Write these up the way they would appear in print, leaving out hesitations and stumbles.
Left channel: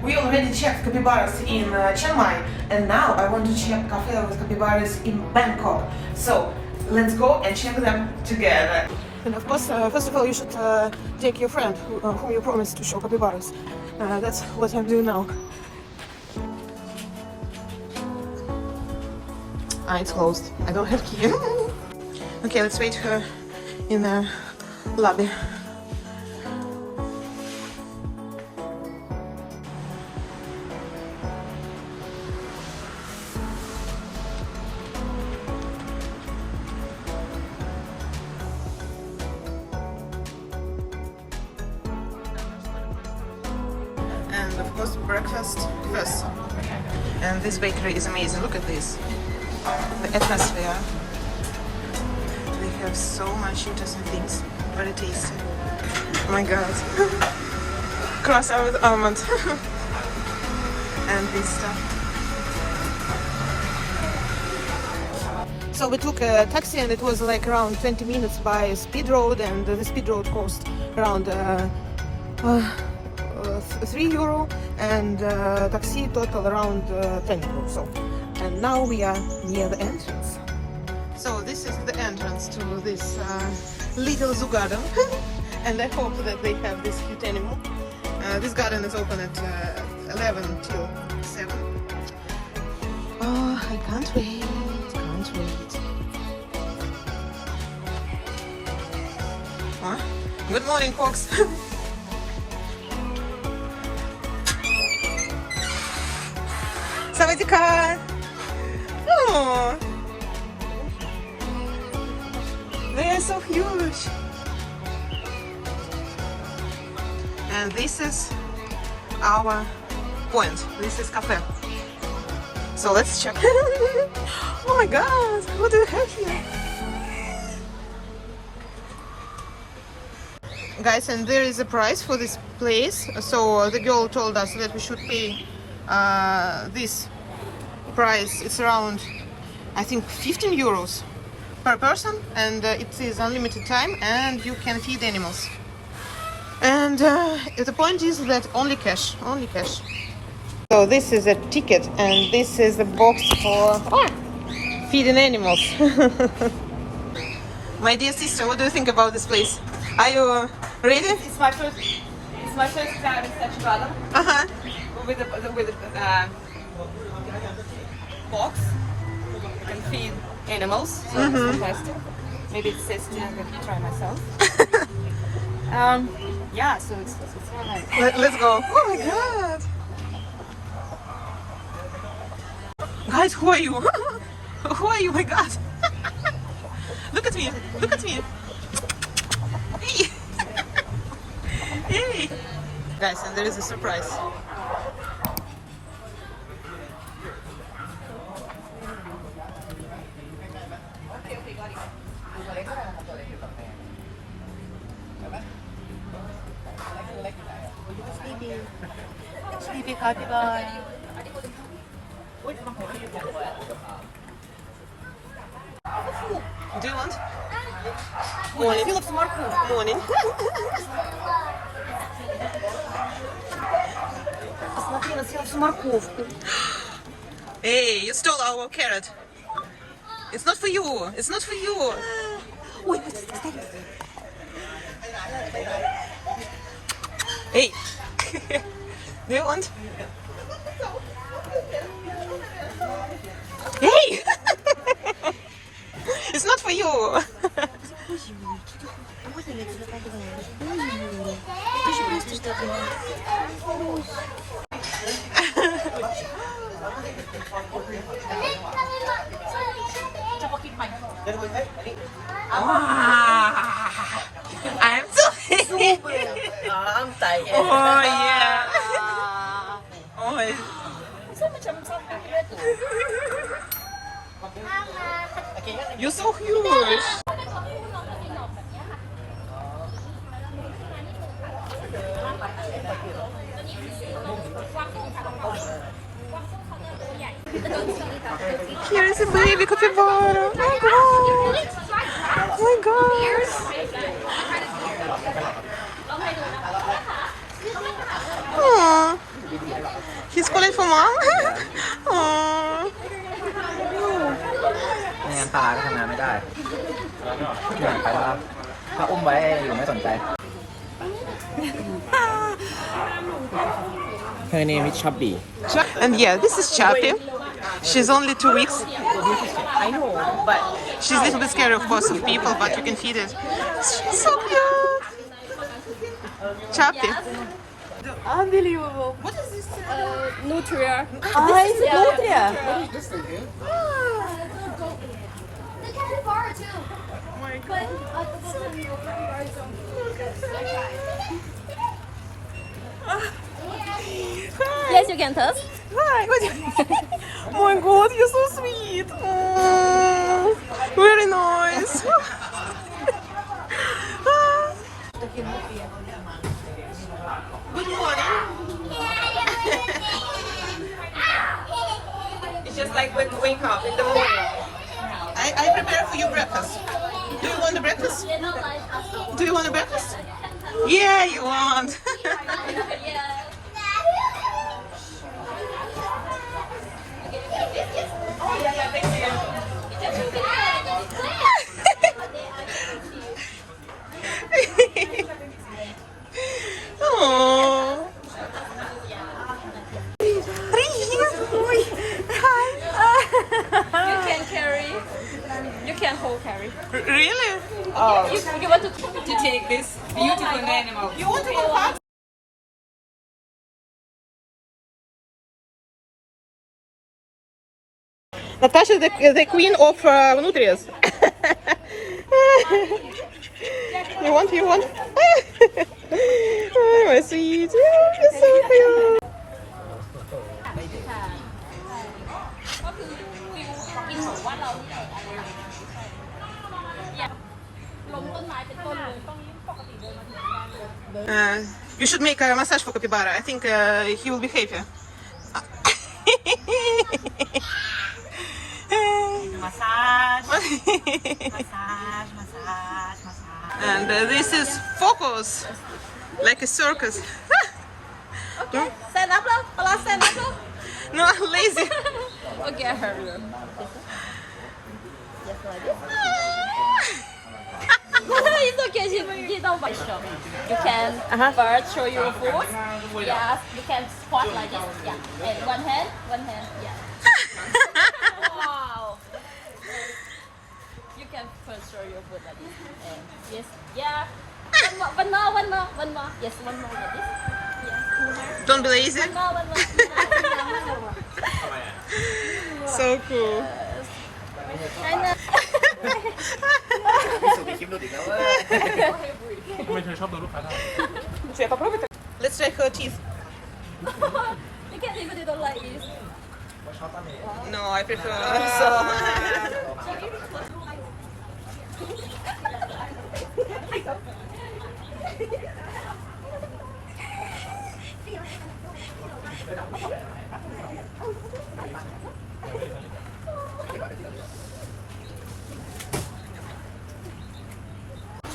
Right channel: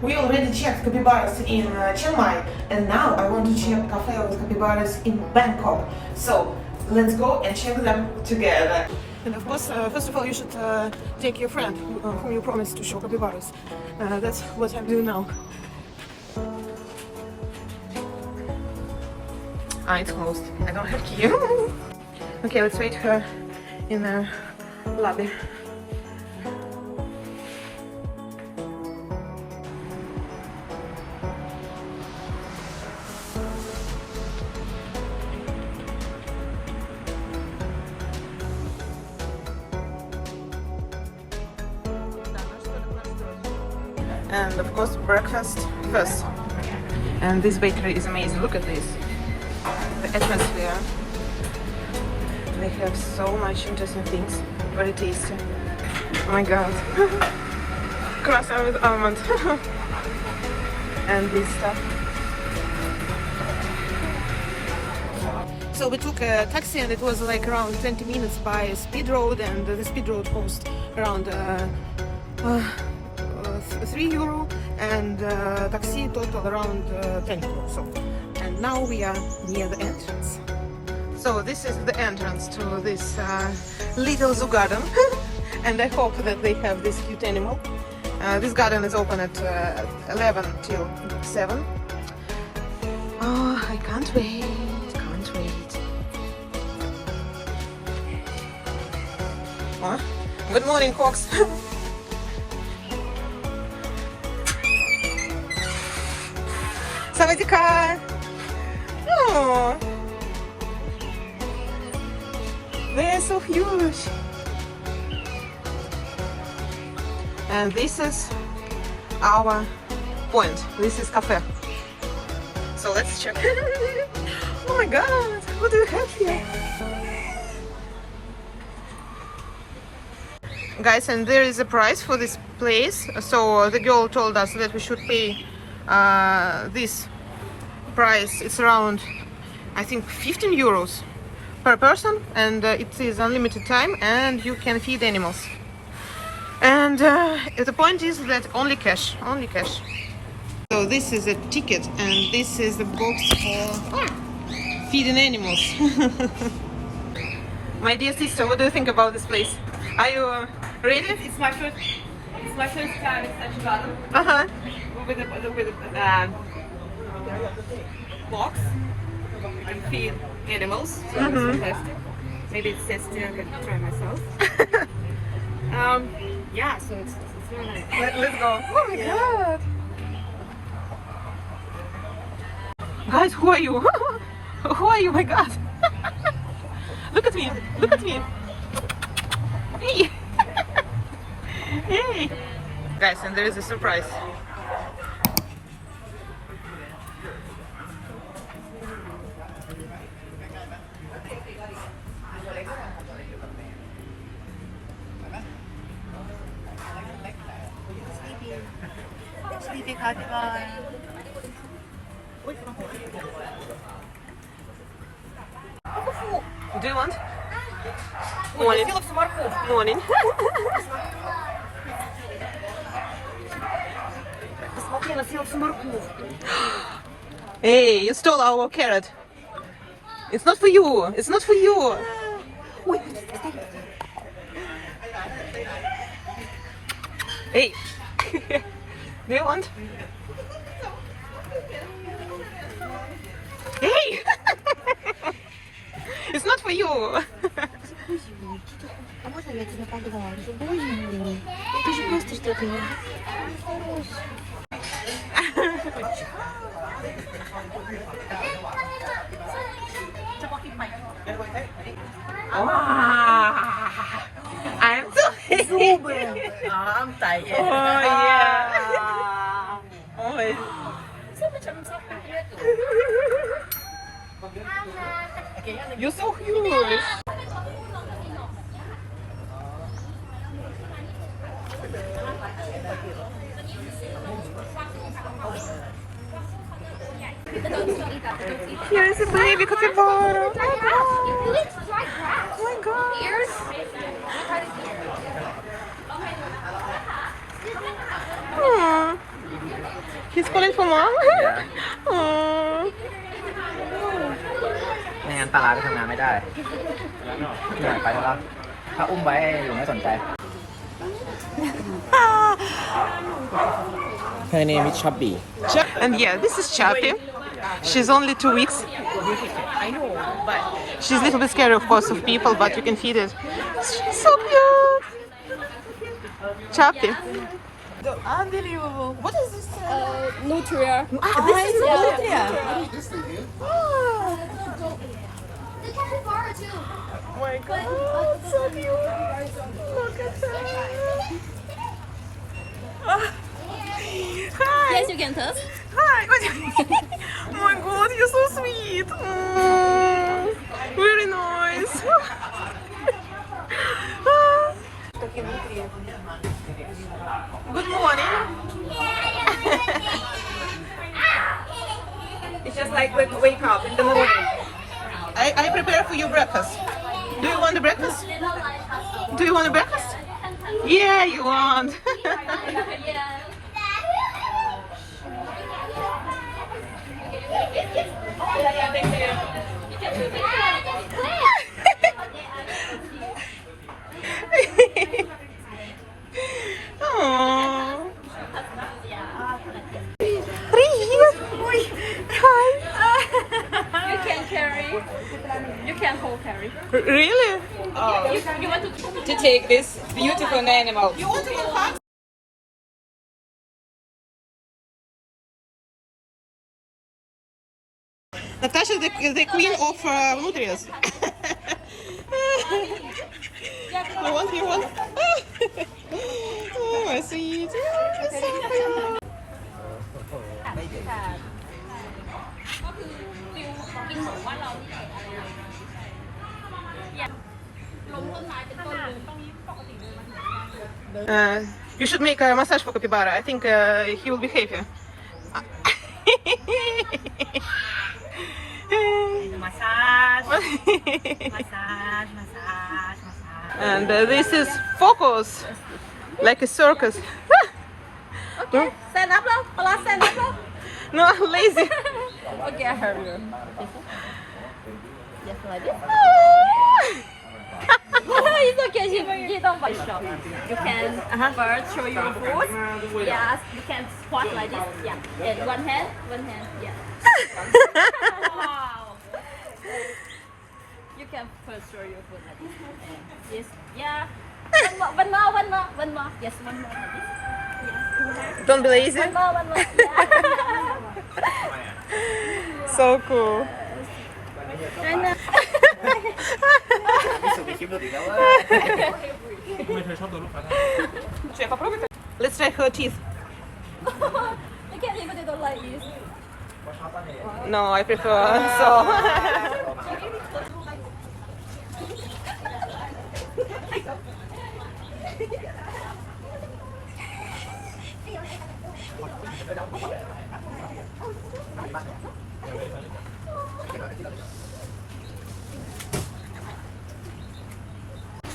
We already checked capybaras in Chiang Mai, and now I want to check cafe with capybaras in Bangkok. So let's go and check them together. And of course, first of all, you should take your friend whom you promised to show capybaras. That's what I'm doing now. It's closed. I don't have key. Okay, let's wait her in the lobby. And of course, breakfast first. And this bakery is amazing. Look at this. The atmosphere. They have so much interesting things. Very tasty. Oh my god. Croissant with almond. And this stuff. So we took a taxi and it was like around 20 minutes by speed road, and the speed road cost around €3 and taxi total around €10. So, and now we are near the entrance. So this is the entrance to this little zoo garden. And I hope that they have this cute animal. This garden is open at 11 till 7. Oh, I can't wait, can't wait. Huh? Good morning, folks. Sawadika! Oh, they're so huge. And this is our point. This is cafe. So let's check. Oh my god, what do you have here? Guys, and there is a price for this place. So the girl told us that we should pay this price. It's around, I think, €15 per person, and it is unlimited time, and you can feed animals. And the point is that only cash, only cash. So this is a ticket, and this is a box for feeding animals. My dear sister, what do you think about this place? Are you ready? It's my first time in such a garden. With a box. You can feed animals. So it's fantastic. Maybe it's tasty. I can try myself. Yeah, so it's very nice. Let's go. Oh my god. Guys, who are you? Who are you? My god. Look at me. Look at me. Hey. Hey. Guys, and there is a surprise. Sleepy capybara. Do you want? Morning. Morning. Посмотрела, съела всю морковку. Hey, you stole our carrot. It's not for you. It's not for you. Ой, Hey. Do you want? Hey. It's not for you. А можно я тебя поглажу? Ты же просто что делаешь? I'm so happy. Oh yeah. Oh. You're so huge. Here is a baby capybara. Oh my god. Oh my god. Aww. He's calling for mom. Yeah. Aww. ไม่งั้นปลาไปทำงานไม่ได้เนี่ยไปแล้วครับถ้าอุ้มไว้อยู่ไม่สนใจ Her name is Chubby. And yeah, this is Chappy. She's only 2 weeks. She's a little bit scary, of course, of people, but you can feed it. She's so cute. Chappy. Unbelievable. What is this? Nutria. This is nutria. The capybara too. Oh my god. So cute. Look at her. Hi. Yes, you can touch. Hi. Oh my god, you're so sweet. Oh, very nice. Good morning. It's just like when you wake up in the morning. I prepare for you breakfast. Do you want the breakfast? Do you want a breakfast? Yeah, you want. Oh. Hi. You can carry. You can hold carry. Really? You want to take this beautiful animal. You want to go home? Natasha is the queen of nutrias. You want? Oh, my sweet. You're so cute. You should make a massage for Capybara. I think he will be happy. And this is focus, like a circus. No? Stand up now. Stand up now. No, I'm lazy. Okay, I heard you. Just like this. It's okay. She don't bite shop. You can first show your food. Yes, you can squat like this. Yeah, and one hand. Yeah. Wow. You can first show your food like this. And yes, yeah. One more. Yes, one more like this. Yeah, 2 hands. Don't be lazy. One more. Yeah. So cool. And มีสุดมีคลิปหลุดอีกแล้วเว้ย Let's try her teeth. you can even do it like this. No, I prefer.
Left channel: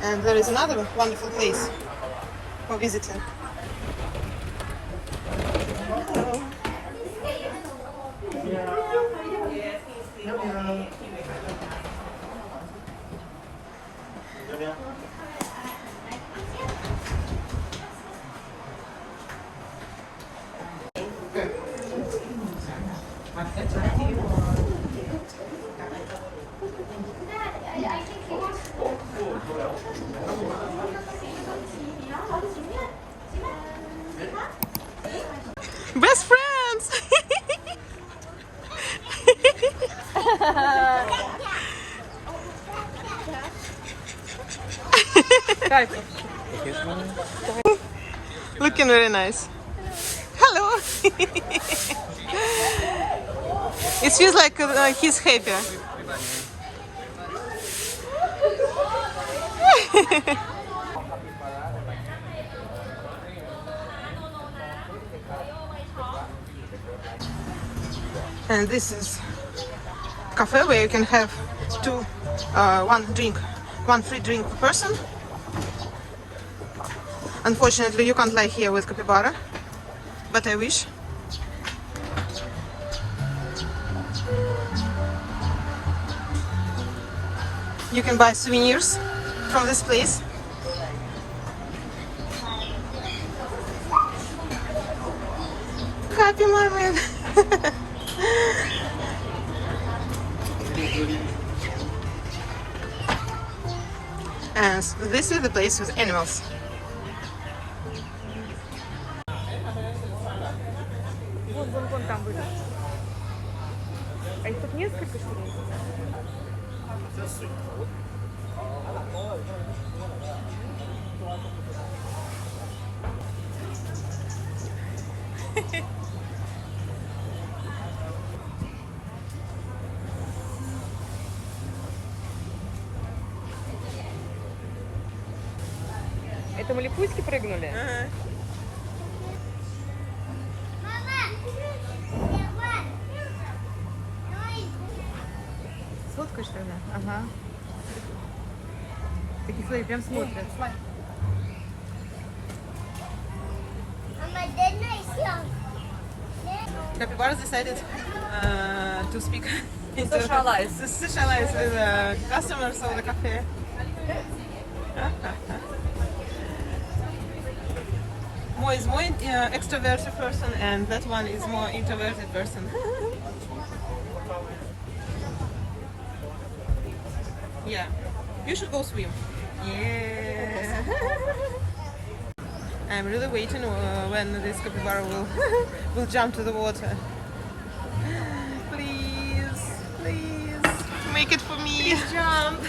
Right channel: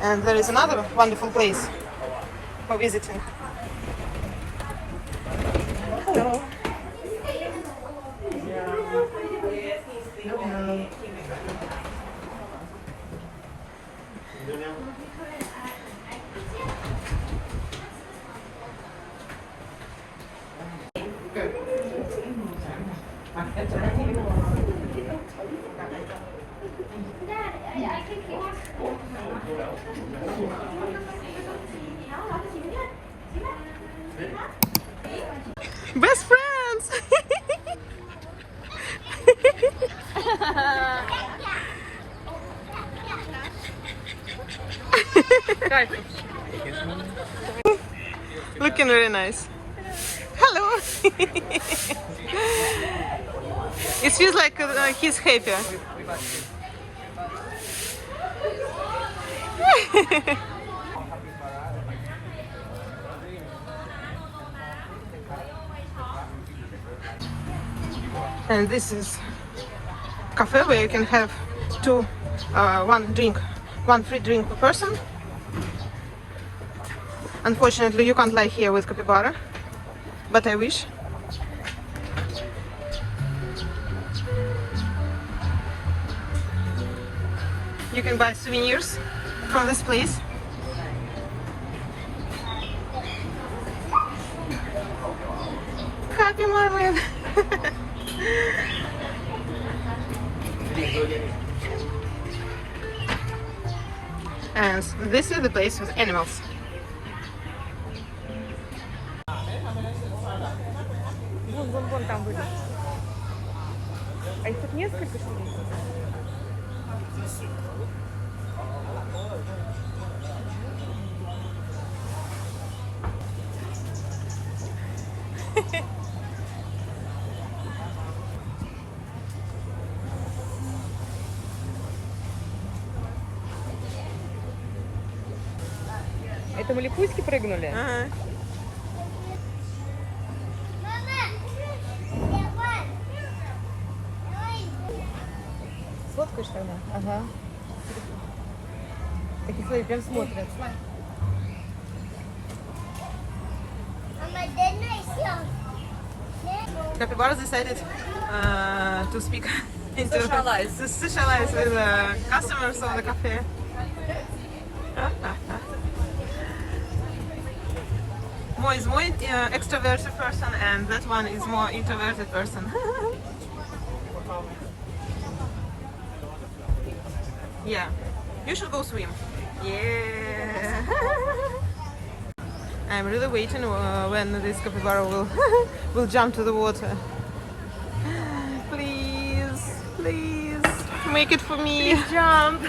And there is another wonderful place for visiting. Hello. Best friends. Looking very nice. Hello. It feels like he's happy. And this is cafe where you can have one free drink per person. Unfortunately, you can't lie here with Capybara, but I wish. You can buy souvenirs from this place. Happy marmalade. And this is the place with animals. Это мы лягушки прыгнули? Ага. Сфоткаешь тогда? Ага. Такие, смотри, прям смотрят. Capybara decided to speak into Socialize. to socialize with customers of the cafe. Mo is more extroverted person, and that one is more introverted person. Yeah, you should go swim. Yeah. I'm really waiting when this capybara will jump to the water. Please, please, make it for me. Jump!